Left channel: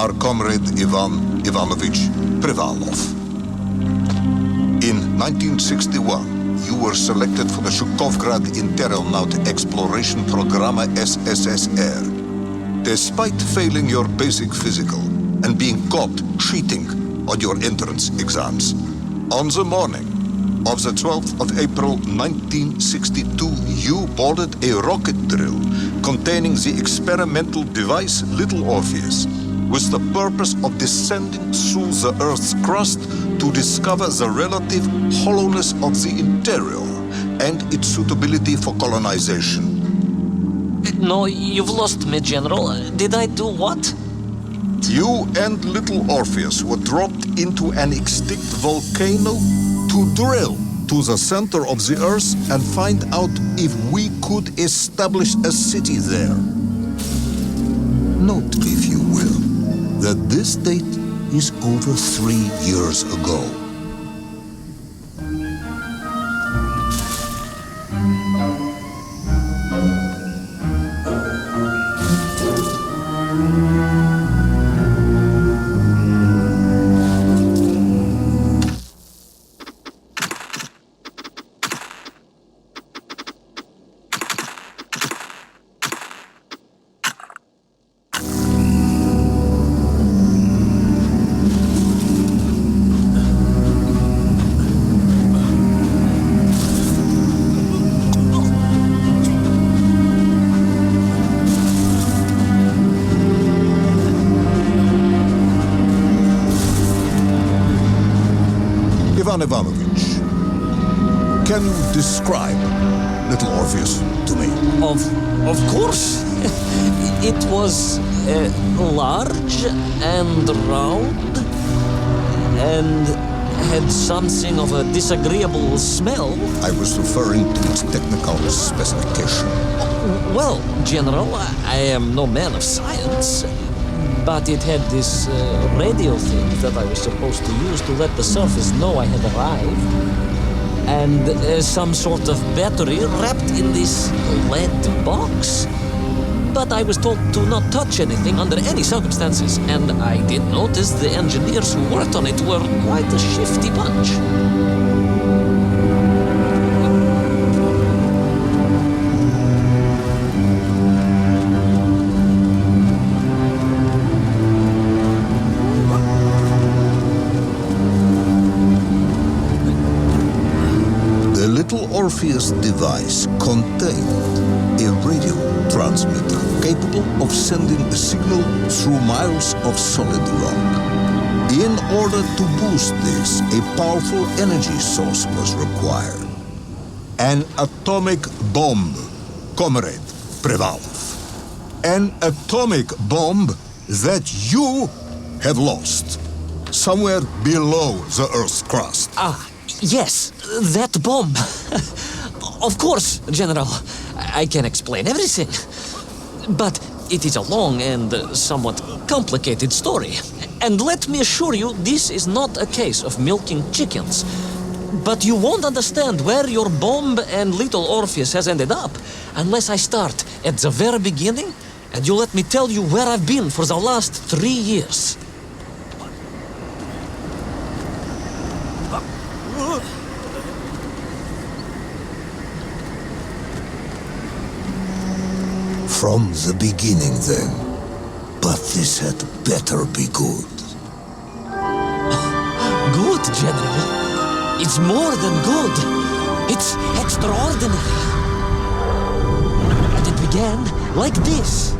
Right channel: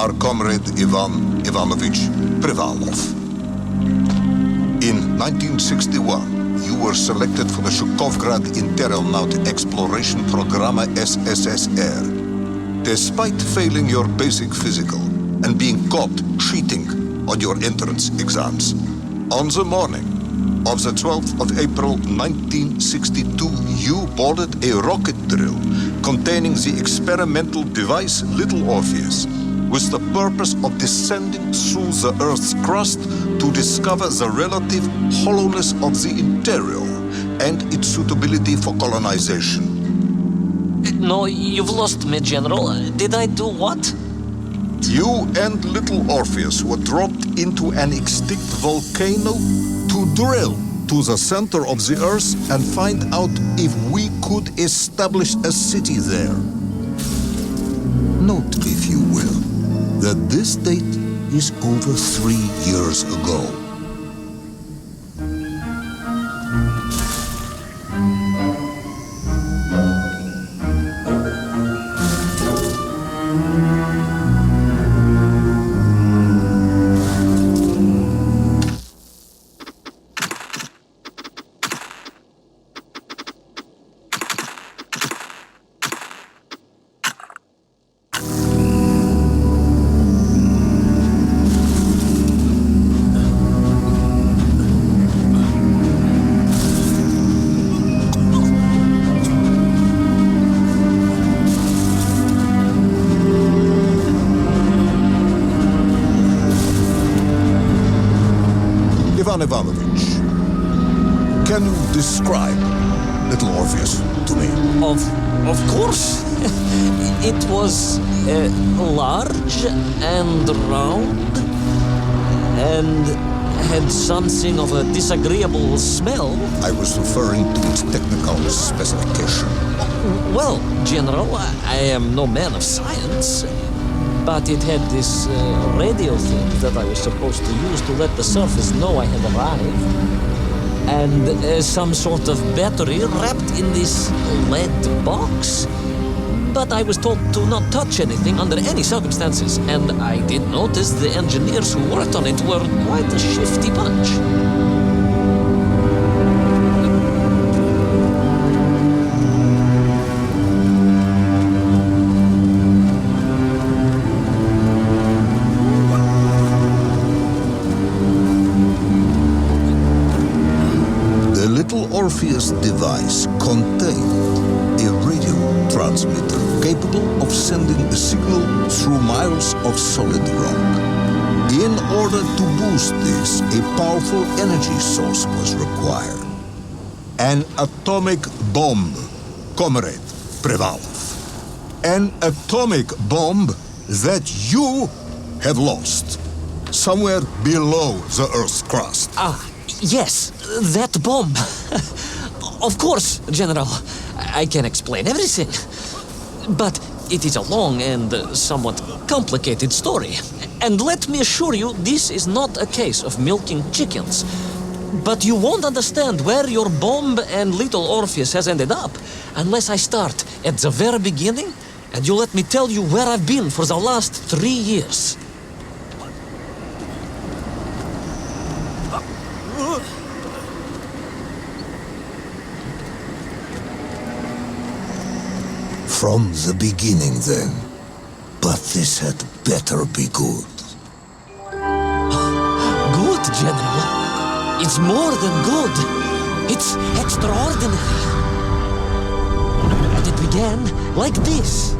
our comrade Ivan Ivanovich Privalov. In 1961, you were selected for the Shukovgrad Interonaut Exploration Program SSSR. Despite failing your basic physical and being caught cheating on your entrance exams, on the morning of the 12th of April 1962, you boarded a rocket drill containing the experimental device Little Orpheus, with the purpose of descending through the Earth's crust to discover the relative hollowness of the interior and its suitability for colonization. No, you've lost me, General. Did I do what? You and Little Orpheus were dropped into an extinct volcano to drill to the center of the Earth and find out if we could establish a city there. Note, if you will, that this date is over 3 years ago. Ivan Ivanovich, can you describe Little Orpheus to me? Of course. It was large and round and had something of a disagreeable smell. I was referring to its technical specification. Well, General, I am no man of science, but it had this radio thing that I was supposed to use to let the surface know I had arrived, and some sort of battery wrapped in this lead box. But I was told to not touch anything under any circumstances, and I did notice the engineers who worked on it were quite a shifty bunch. The Little Orpheus device contained a radio transmitter capable of sending a signal through miles of solid rock. In order to boost this, a powerful energy source was required. An atomic bomb, Comrade Privalov. An atomic bomb that you have lost somewhere below the Earth's crust. Yes, that bomb. Of course, General. I can explain everything. But it is a long and somewhat complicated story. And let me assure you, this is not a case of milking chickens. But you won't understand where your bomb and Little Orpheus has ended up unless I start at the very beginning and you let me tell you where I've been for the last 3 years. From the beginning, then. But this had better be good. Good, General. It's more than good. It's extraordinary. And it began like this.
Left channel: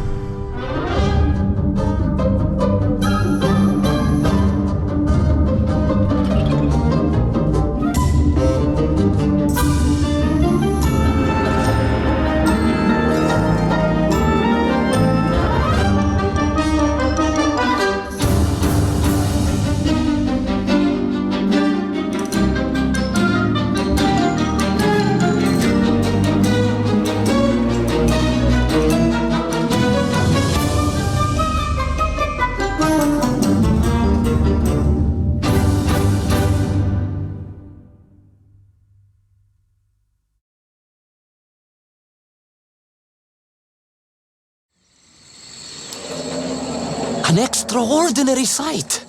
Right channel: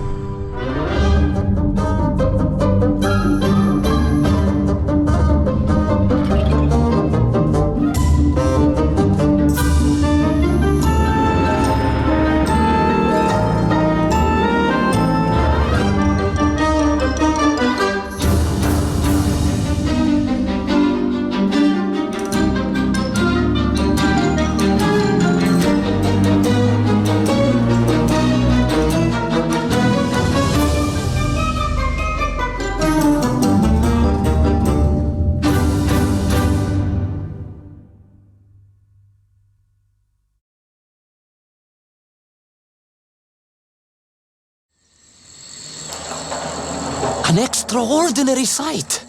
An extraordinary sight.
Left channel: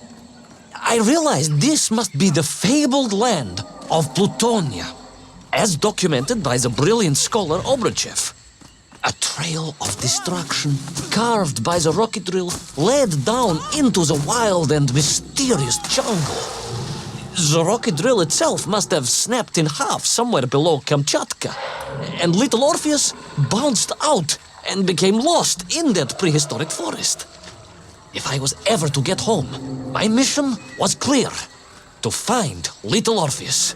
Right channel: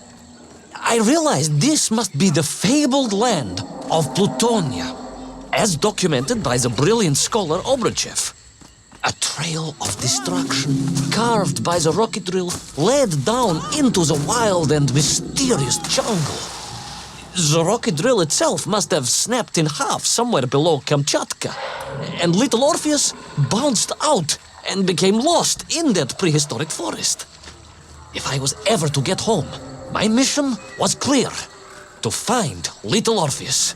I realized this must be the fabled land of Plutonia, as documented by the brilliant scholar Obruchev. A trail of destruction carved by the rocket drill led down into the wild and mysterious jungle. The rocket drill itself must have snapped in half somewhere below Kamchatka, and little Orpheus bounced out and became lost in that prehistoric forest. If I was ever to get home, my mission was clear: to find little Orpheus.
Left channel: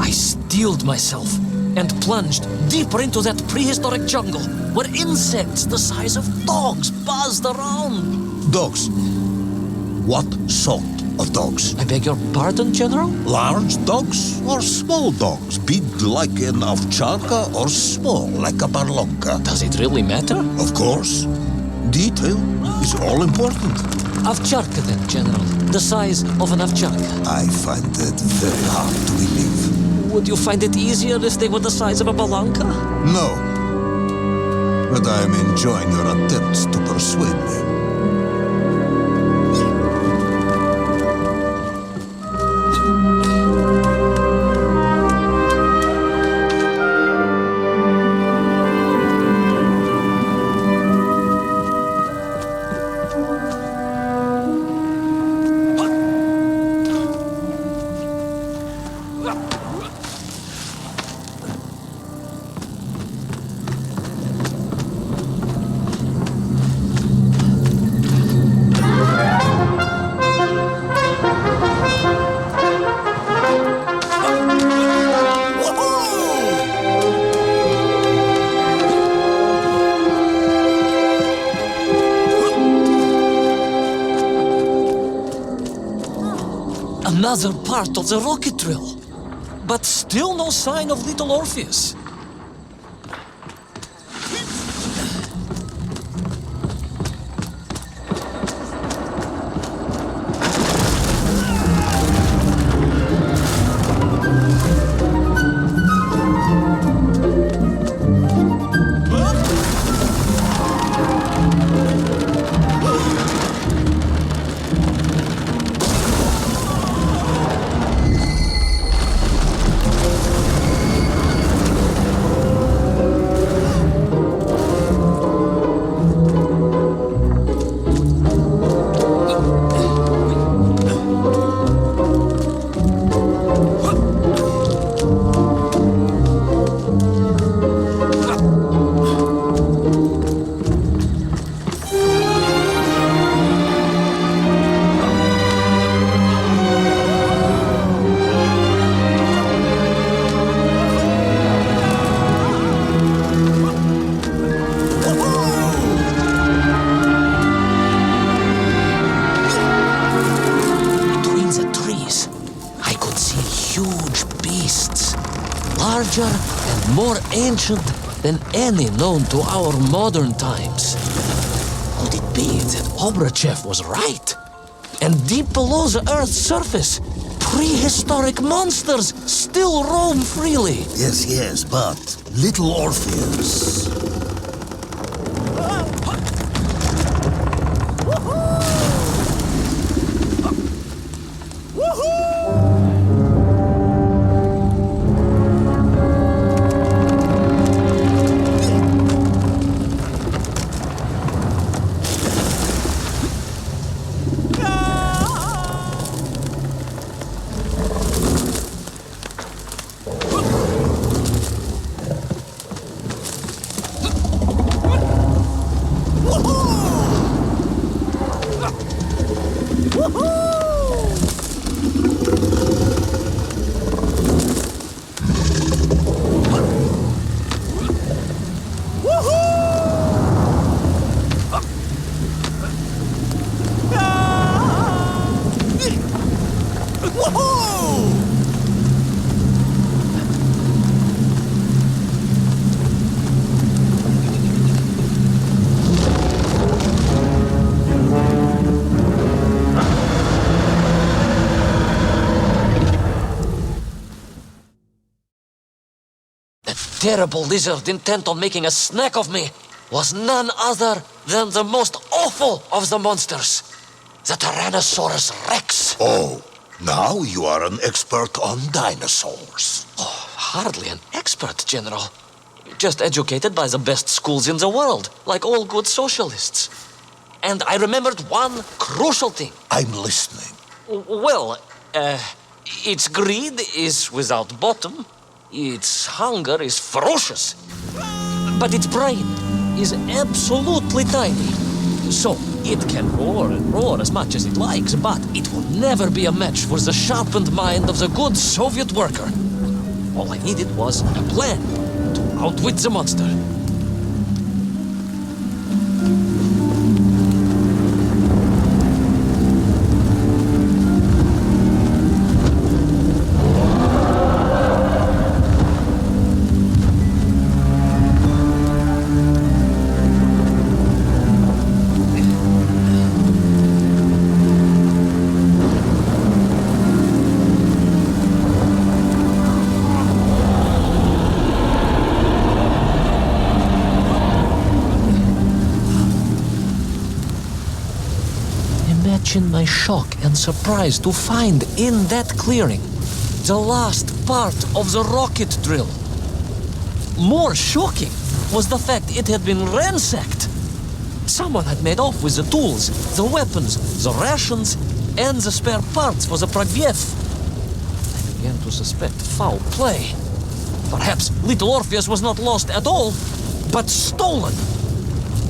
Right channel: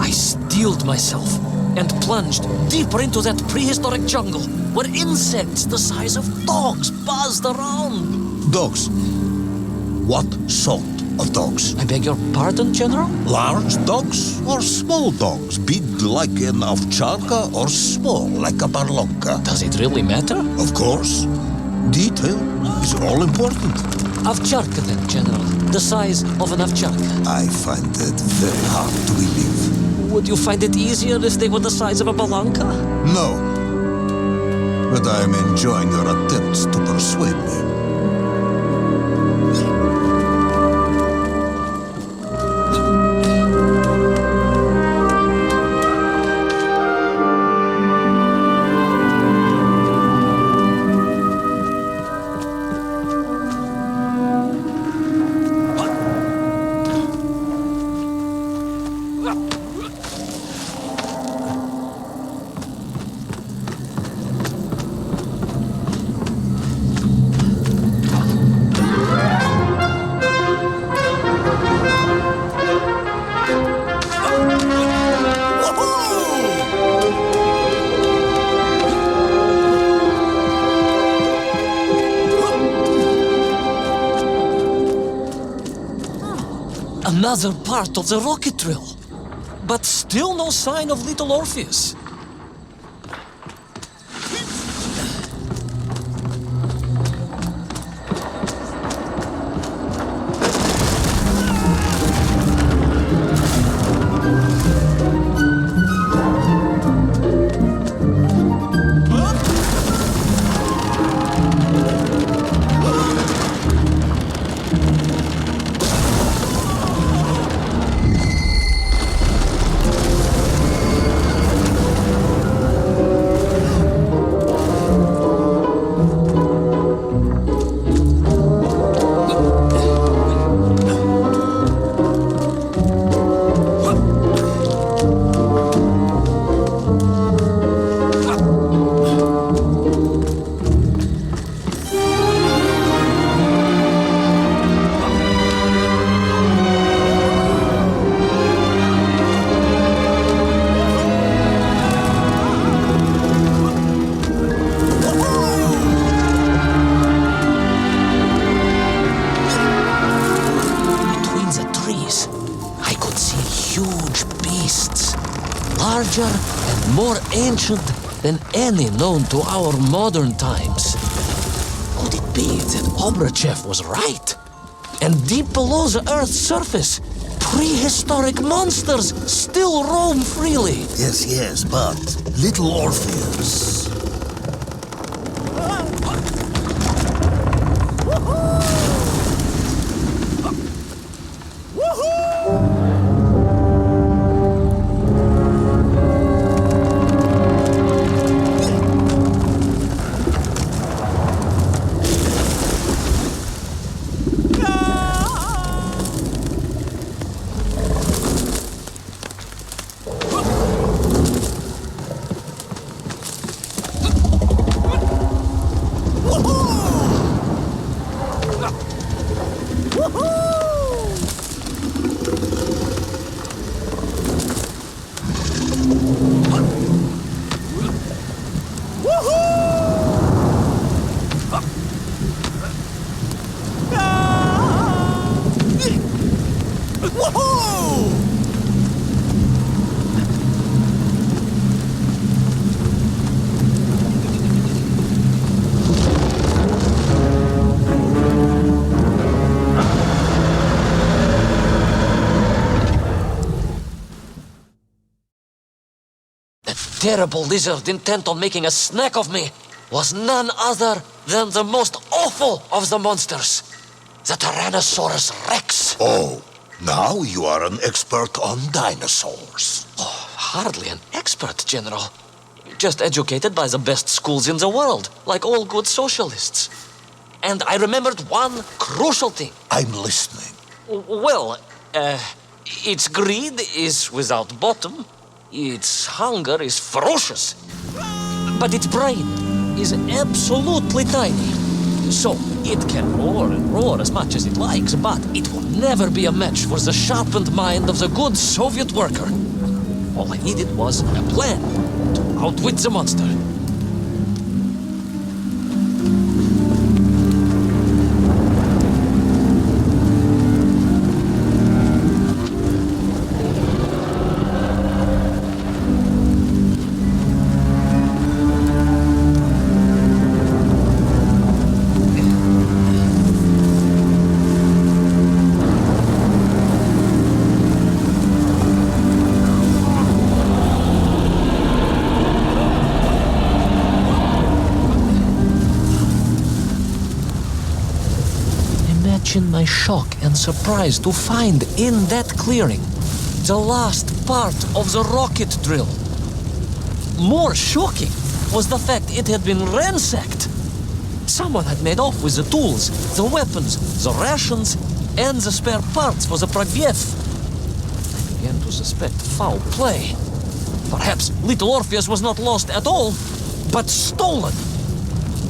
I steeled myself and plunged deeper into that prehistoric jungle where insects the size of dogs buzzed around. Dogs? What sort of dogs? I beg your pardon, General? Large dogs or small dogs? Big like an ovcharka or small like a barlonka? Does it really matter? Of course. Detail is all important. Ovcharka then, General. The size of an ovcharka. I find it very hard to believe. Would you find it easier if they were the size of a balanka? No. But I am enjoying your attempts to persuade me. Another part of the rocket drill. But still no sign of little Orpheus. I could see huge beasts, larger and more ancient than any known to our modern times. Could it be that Obruchev was right? And deep below the Earth's surface, prehistoric monsters still roam freely. Yes, but little Orpheus. terrible lizard intent on making a snack of me was none other than the most awful of the monsters, the Tyrannosaurus Rex. Oh, now you are an expert on dinosaurs. Oh, hardly an expert, General. Just educated by the best schools in the world, like all good socialists. And I remembered one crucial thing. I'm listening. Well, its greed is without bottom, its hunger is ferocious, but its brain is absolutely tiny. So it can roar and roar as much as it likes, but it will never be a match for the sharpened mind of the good Soviet worker. All I needed was a plan to outwit the monster. Imagine my shock and surprise to find in that clearing the last part of the rocket drill. More shocking was the fact it had been ransacked. Someone had made off with the tools, the weapons, the rations, and the spare parts for the Pragviev. I began to suspect foul play. Perhaps little Orpheus was not lost at all, but stolen.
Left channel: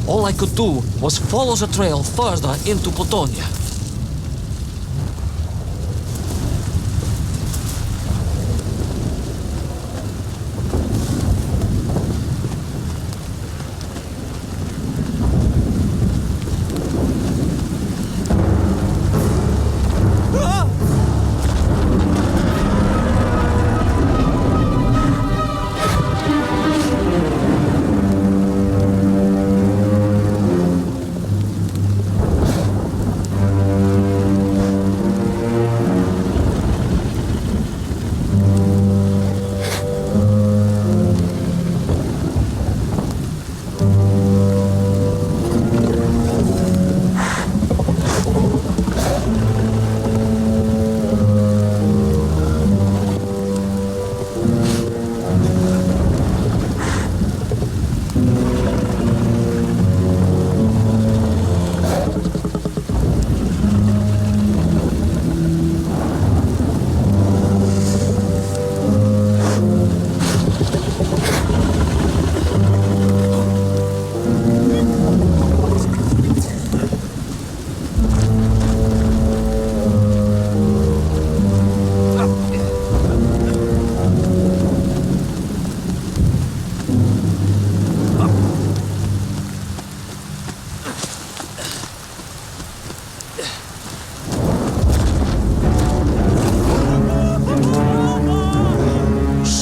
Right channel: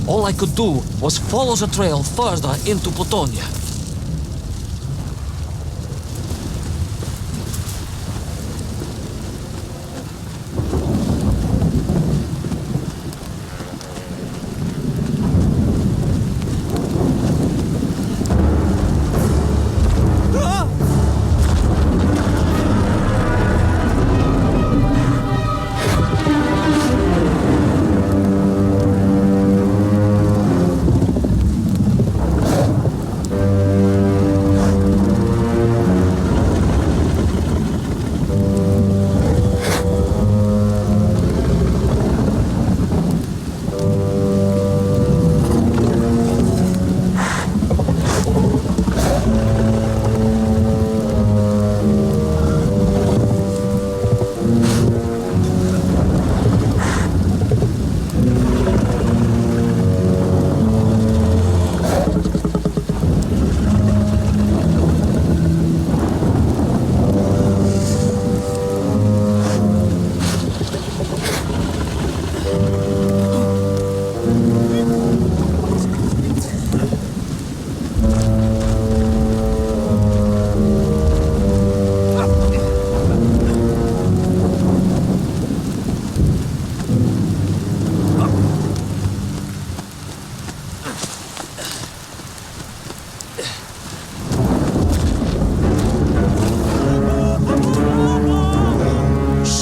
All I could do was follow the trail further into Plutonia.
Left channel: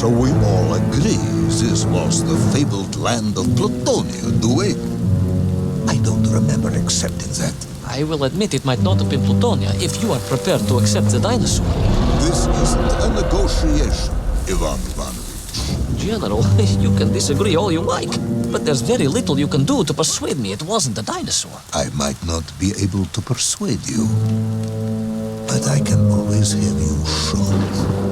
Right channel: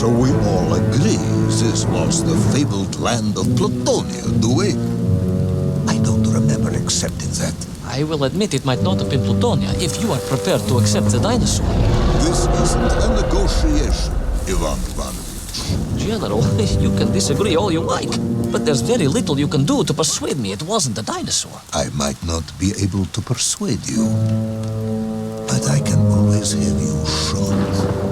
So we all agree this was the fabled land of Plutonia, do we? I don't remember accepting that. I will admit it might not have been Plutonia if you are prepared to accept the dinosaur. This isn't a negotiation, Ivan Ivanovich. General, you can disagree all you like, but there's very little you can do to persuade me it wasn't a dinosaur. I might not be able to persuade you, but I can always have you shot.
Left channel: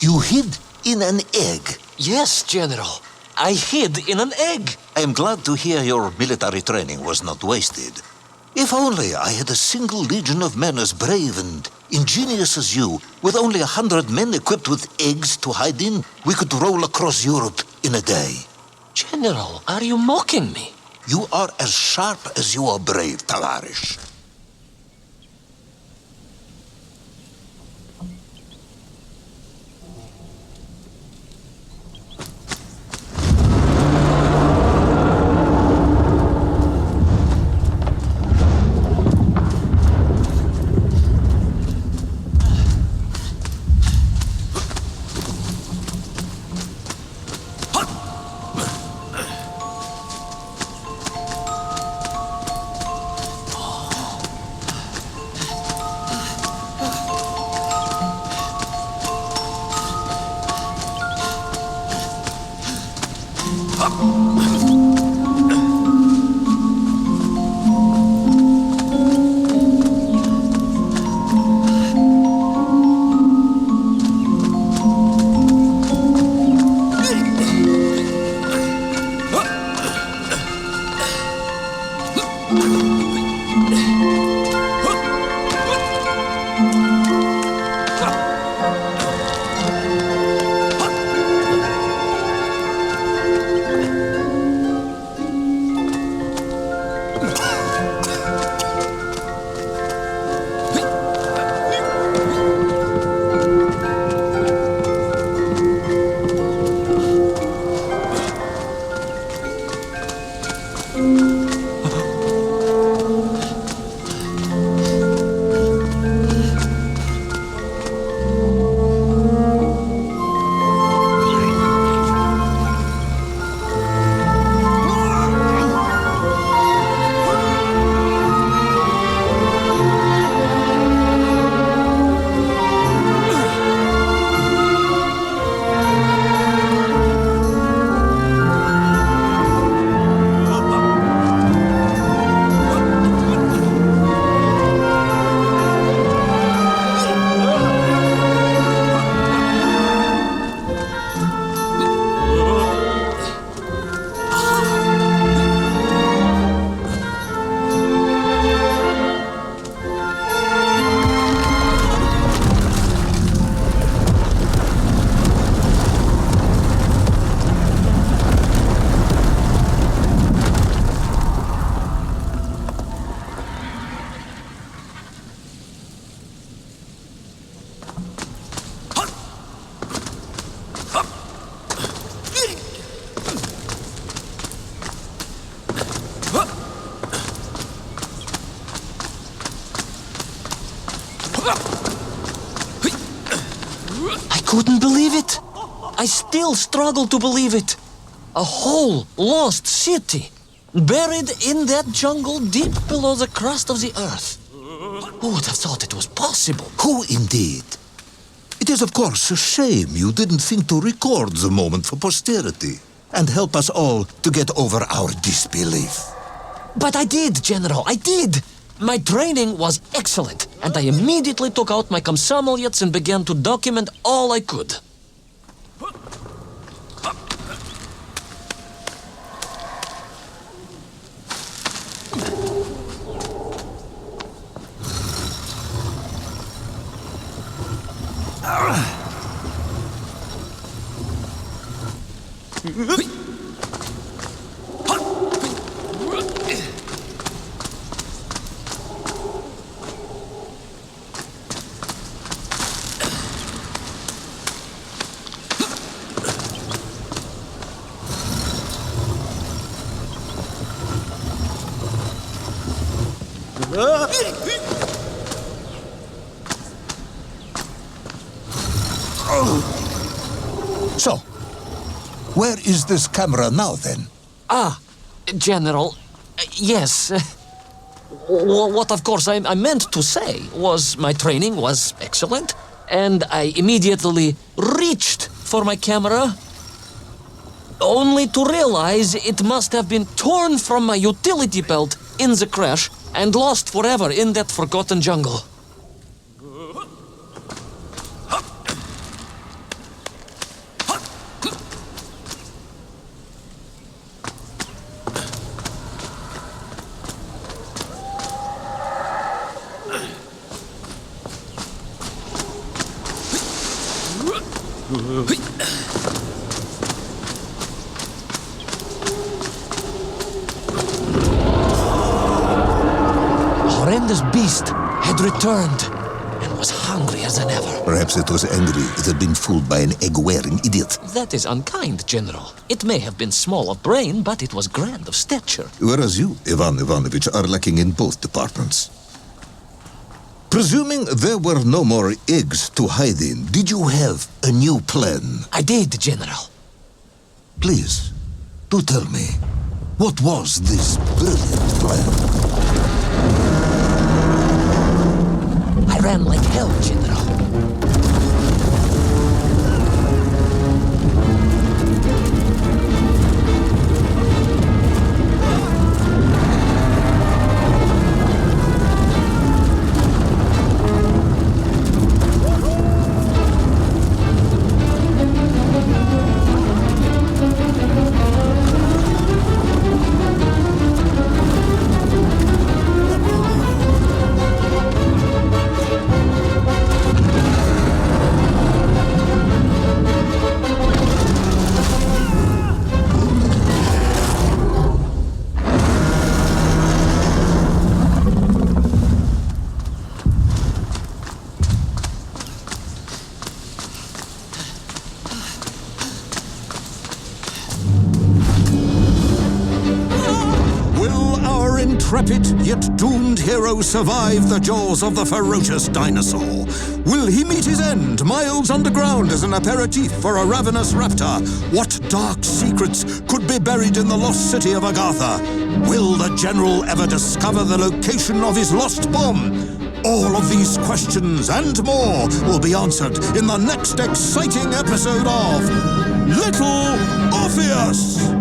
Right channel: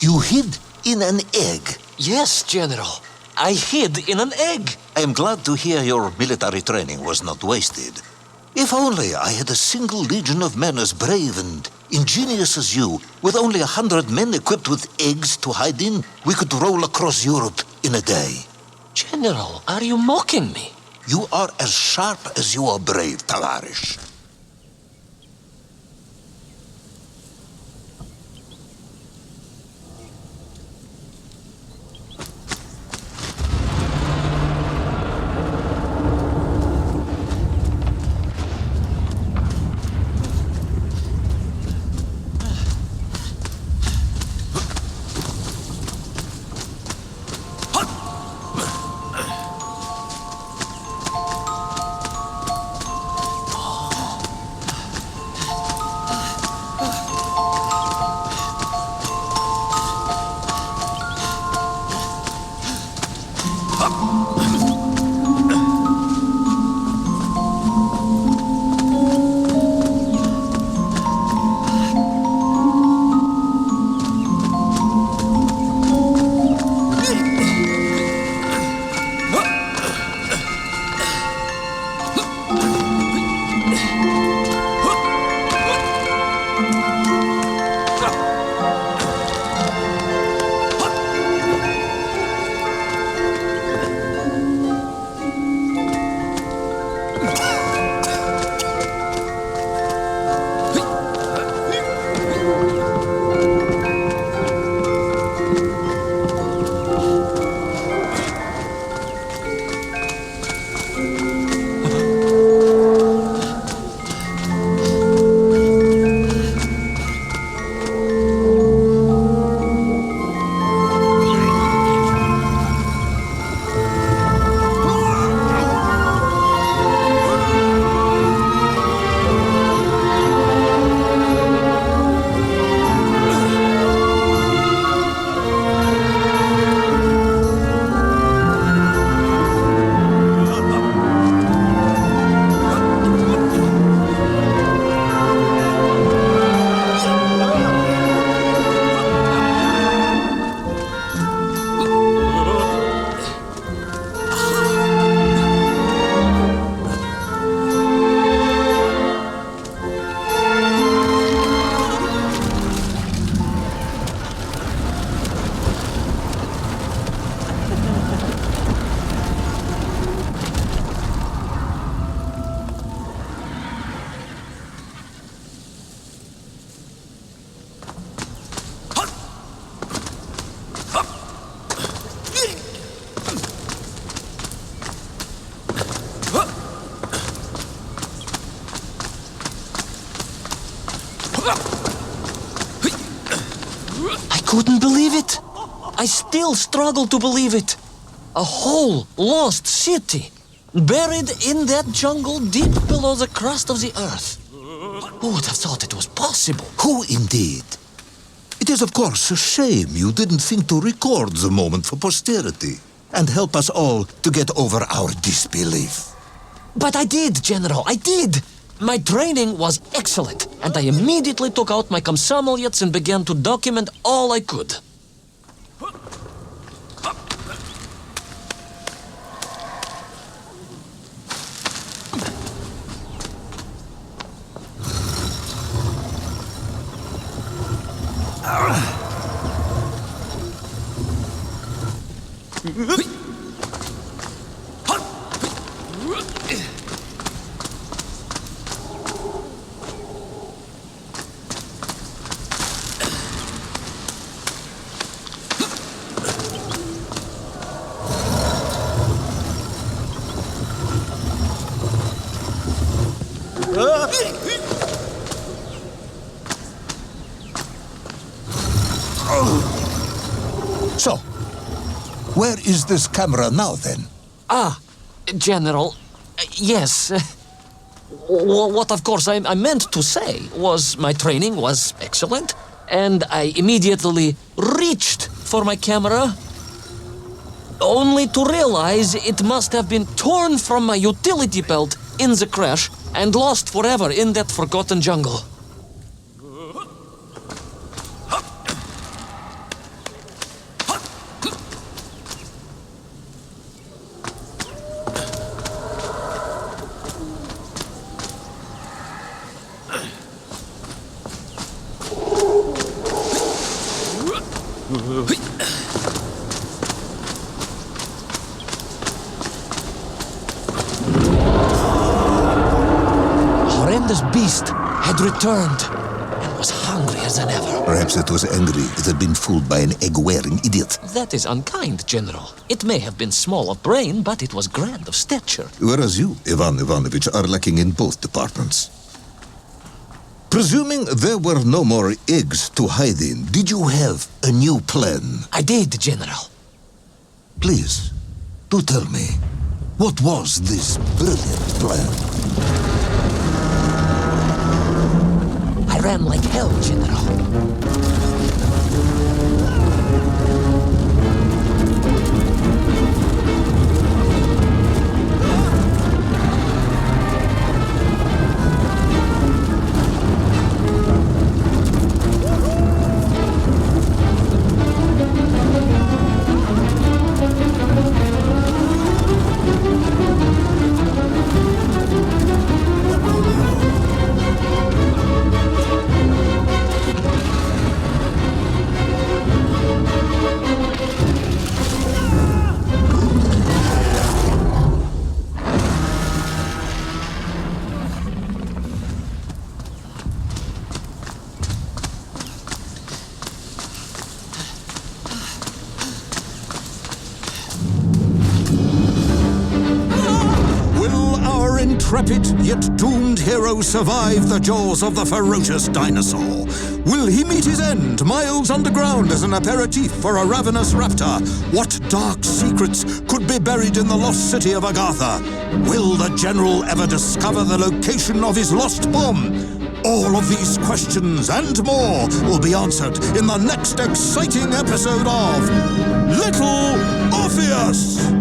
You hid in an egg. Yes, General. I hid in an egg. I am glad to hear your military training was not wasted. If only I had a single legion of men as brave and ingenious as you, with only 100 men equipped with eggs to hide in, we could roll across Europe in a day. General, are you mocking me? You are as sharp as you are brave, Tavarish. Couldn't believe it. I still struggle to believe it. A whole lost city, buried in that jungle deep below the crust of the earth. Who would have thought it was possible? Who indeed? It is of course a shame you didn't think to record the moment for posterity and help us all to get over our disbelief. But I did, General, I did. My training was excellent, and I immediately took out my komsomolets and began to document all I could. Where is this camera now, then? General, yes. What of course I meant to say was my training was excellent, and I immediately reached for my camera, only to realize it must have been torn from my utility belt in the crash and lost forever in that forgotten jungle. Horrendous beast had returned and was hungry as than ever. Perhaps it was angry it had been fooled by an egg-wearing idiot. That is unkind, General. It may have been small of brain, but it was grand of stature. Whereas you, Ivan Ivanovich, are lacking in both departments. Presuming there were no more eggs to hide in, did you have a new plan? I did, General. Please, do tell me, what was this brilliant plan? I ran like hell, General. Will our intrepid yet doomed hero survive the jaws of the ferocious dinosaur? Will he meet his end, miles underground as an aperitif for a ravenous raptor? What dark secrets could be buried in the lost city of Agartha? Will the general ever discover the location of his lost bomb? All of these questions and more will be answered in the next exciting episode of Little Orpheus!